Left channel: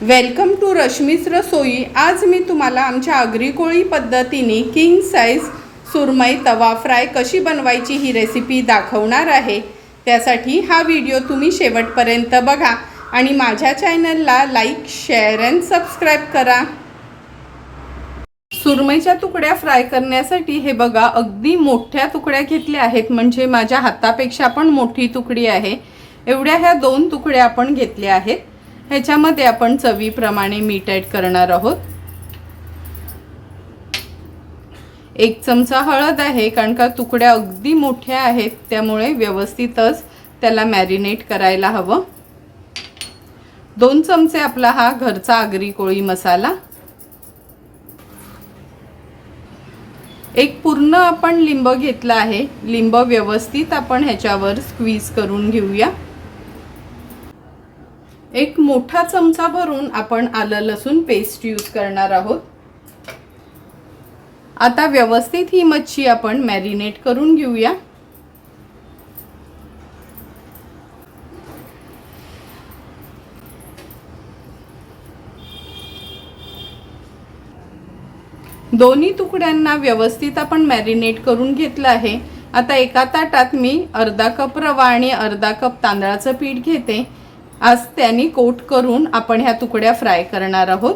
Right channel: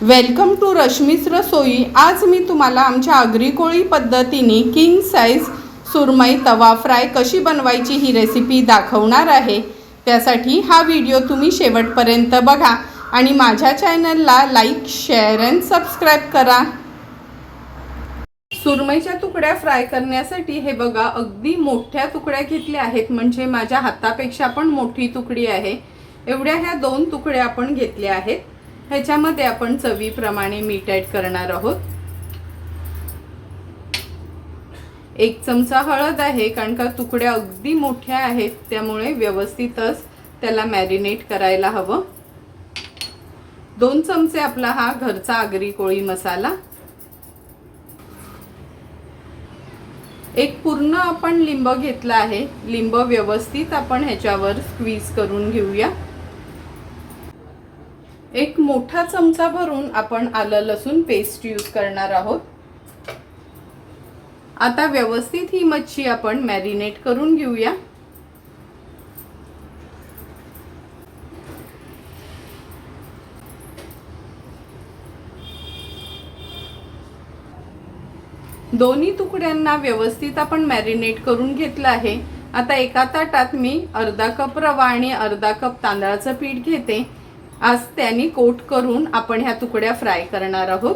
Welcome to रश्मीस रसोई आज मी तुम्हाला आमच्या आगरी कोळी पद्धतीने किंग साईज सुरमई तवा फ्राय कशी बनवायची ही रेसिपी दाखवणार आहे. त्यासाठी हा व्हिडिओ तुम्ही शेवटपर्यंत बघा आणि माझ्या चॅनलला लाईक शेअर अँड सबस्क्राईब करा. सुरमईच्या तुकड्या फ्राय करण्यासाठी हे बघा अगदी मोठ्या तुकड्या घेतल्या आहेत. म्हणजे माझ्या हातापेक्षा पण मोठी तुकडी आहे. एवढ्या ह्या दोन तुकड्या आपण घेतल्या आहेत. ह्याच्यामध्ये आपण चवीप्रमाणे मीठ ॲड करणार आहोत. एक चमचा हळद आहे कारण का तुकड्या अगदी मोठ्या आहेत त्यामुळे व्यवस्थितच त्याला मॅरिनेट करायला हवं. दोन चमचे आपला हा घरचा आगरी कोळी मसाला. एक पूर्ण आपण लिंब घेतला आहे लिंब व्यवस्थित आपण ह्याच्यावर स्क्वीज करून घेऊया. एक मोठा चमचा भरून आपण आलं लसूण पेस्ट यूज करणार आहोत. आता व्यवस्थित ही मच्छी आपण मॅरिनेट करून घेऊया. दोन्ही तुकड्यांना व्यवस्थित आपण मॅरिनेट करून घेतलं आहे. आता एका ताटात मी अर्धा कप रवा आणि अर्धा कप तांदळाचं पीठ घेते. आज त्यांनी कोट करून आपण ह्या तुकड्या फ्राय करणार आहोत.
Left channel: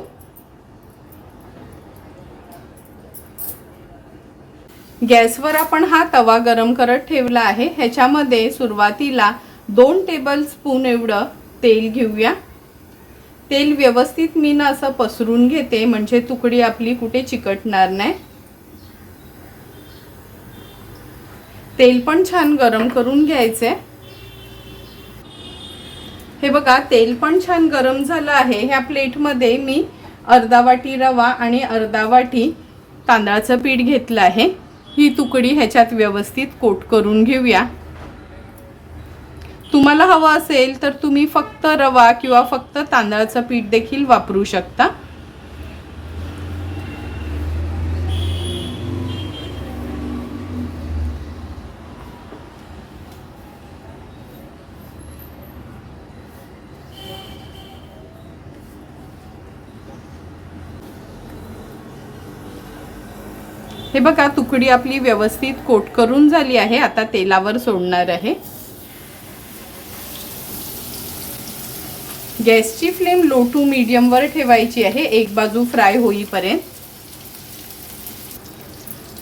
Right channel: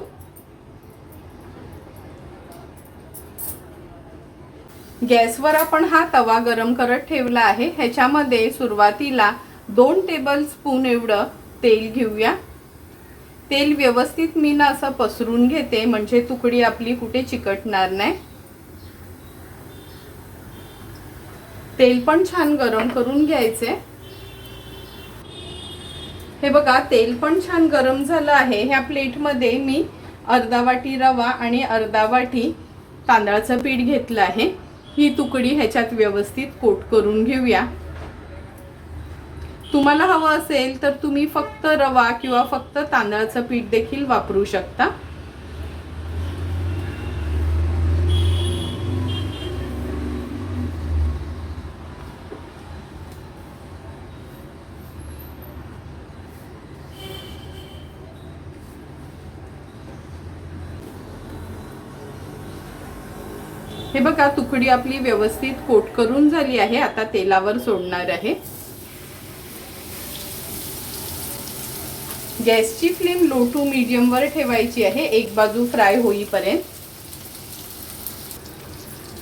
गॅसवर आपण हा तवा गरम करत ठेवला आहे. ह्याच्यामध्ये सुरुवातीला दोन टेबल स्पून एवढं तेल घेऊया. तेल व्यवस्थित मी ना असं पसरून घेते म्हणजे तुकडी आपली कुठे चिकटणार नाही. तेल पण छान गरम करून घ्यायचे हे बघा तेल पण छान गरम झालं आहे. ह्या प्लेटमध्ये मी अर्धा वाटी रवा आणि अर्धा वाटी तांदळाचं पीठ घेतलं आहे. ही तुकडी ह्याच्यात व्यवस्थित कोट करून घेऊया. तुम्हाला हवं असेल तर तुम्ही फक्त रवा किंवा फक्त तांदळाचं पीठ देखील वापरू शकता. हे बघा तुकडी आपली व्यवस्थित कोट करून झाली आहे. आता तेलावर सोडणार आहे. गॅसची फ्लेम लो टू मीडियमवर ठेवायची आहे. एक बाजू फ्राय होईपर्यंत.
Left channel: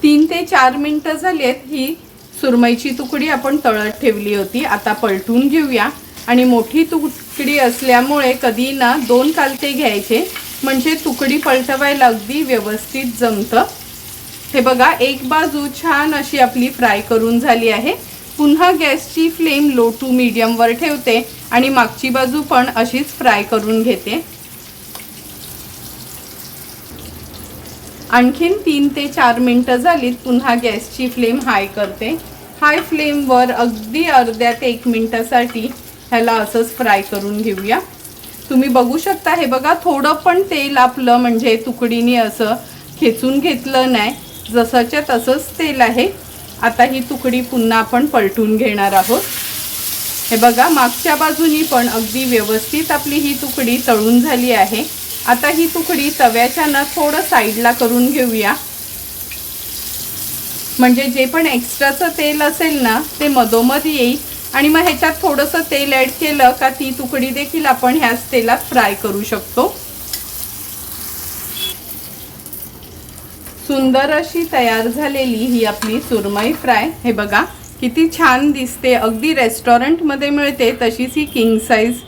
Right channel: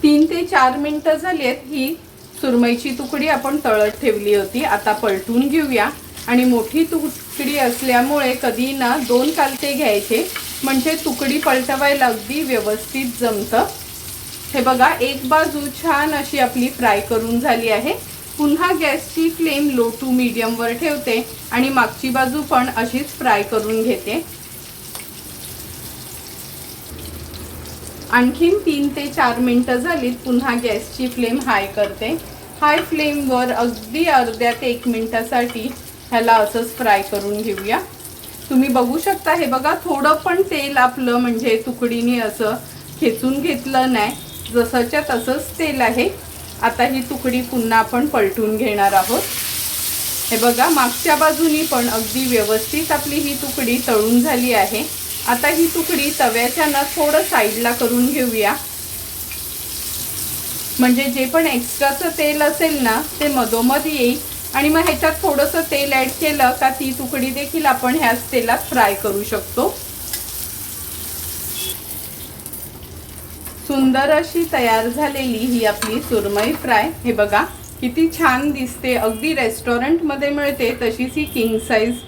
तीन ते चार मिनटं झाली आहेत ही सुरमईची तुकडी आपण तळत ठेवली होती. आता पलटून घेऊया. आणि मोठी तुकडी असल्यामुळे कधी ना दोन कालते घ्यायचे. म्हणजे तुकडी पलटवायला अगदी व्यवस्थित जमतं. हे बघा एक बाजू छान अशी आपली फ्राय करून झाली आहे. पुन्हा गॅसची फ्लेम लो टू मीडियमवर ठेवते आणि मागची बाजू पण अशीच फ्राय करून घेते. आणखीन तीन ते चार मिनटं झालीत पुन्हा गॅसची फ्लेम हाय करते. हाय फ्लेमवर अगदी अर्ध्या ते एक मिनटासाठी ह्याला असंच फ्राय करून घेऊया. तुम्ही बघू शकता हे बघा थोडं पण तेल आपलं म्हणजे तुकडीने असं खेचून घेतलं नाही. जसाच्या तसंच तेल आहे. आता ही तुकडी पुन्हा आपण पलटून घेणार आहोत. हे बघा मागच्या बाजूनी पण अगदी व्यवस्थित आपली ही तुकडी तळून झाली आहे. आता ही तुकडी तव्याच्या ना थोडं साईडला करून घेऊया. म्हणजे जे पण एक्स्ट्राचं तेल असेल ना ते मधोमध येईल. आणि मग ह्याच्यात थोडंसं तेल ॲड केलं का ती तुकडी देखील आपण ह्याच तेलात फ्राय करू शकतो. सुंदर अशी तयार झालेली ही आपली सुरमई फ्राय. हे बघा किती छान दिसते. अगदी रेस्टॉरंटमध्ये मिळते तशीच ही किंग साईज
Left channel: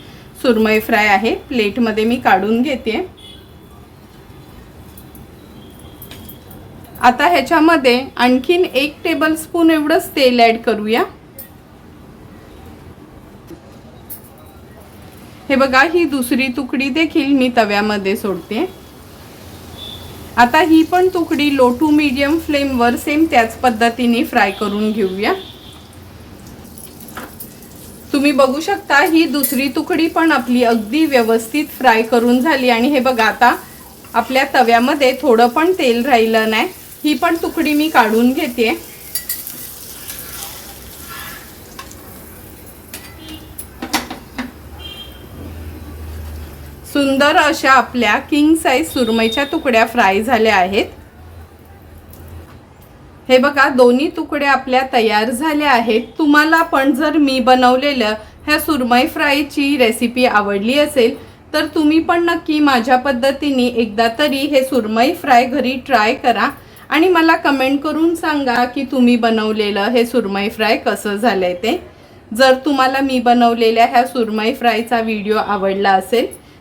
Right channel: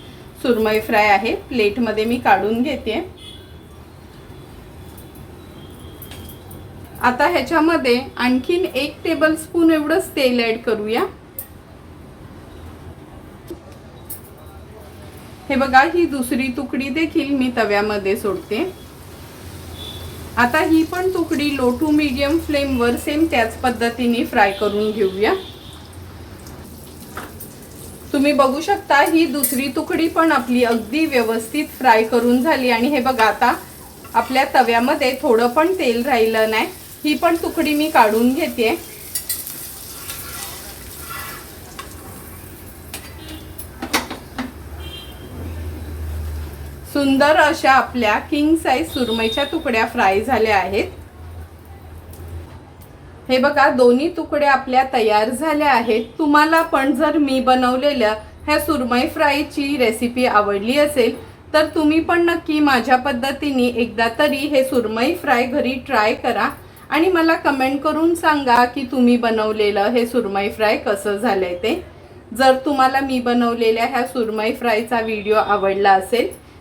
सुरमई फ्राय आहे. प्लेटमध्ये मी काढून घेते. आता ह्याच्यामध्ये आणखीन एक टेबल स्पून एवढंच तेल ॲड करूया. हे बघा ही दुसरी तुकडी देखील मी तव्यामध्ये सोडते. आता ही पण तुकडी लो टू मीडियम फ्लेमवर सेम त्याच पद्धतीने फ्राय करून घेऊया. तुम्ही बघू शकता ही दुसरी तुकडी पण आपली अगदी व्यवस्थित फ्राय करून झाली. आणि हे बघा आता आपल्या तव्यामध्ये थोडं पण तेल राहिलं नाही. ही पण तुकडी मी काढून घेते. सुंदर अशा आपल्या किंग साईज सुरमईच्या तुकड्या फ्राय झाल्या आहेत. हे बघा दोन्ही तुकड्या आपल्या तयार झाल्या आहेत. तुम्हाला पण जर मी बनवलेल्या ह्या सुरमई फ्रायची रेसिपी आवडली असेल तर तुम्ही पण नक्की माझ्या पद्धतीने एकदा तरी हे सुरमई फ्राय घरी ट्राय करा. आणि मला कमेंट करून सांगा की तुम्ही बनवलेलं हे सुरमई फ्राय कसं झालंय ते. जर तुम्हाला मी बनवलेल्या ह्या सुरमई फ्रायचा व्हिडिओ आवडला असेल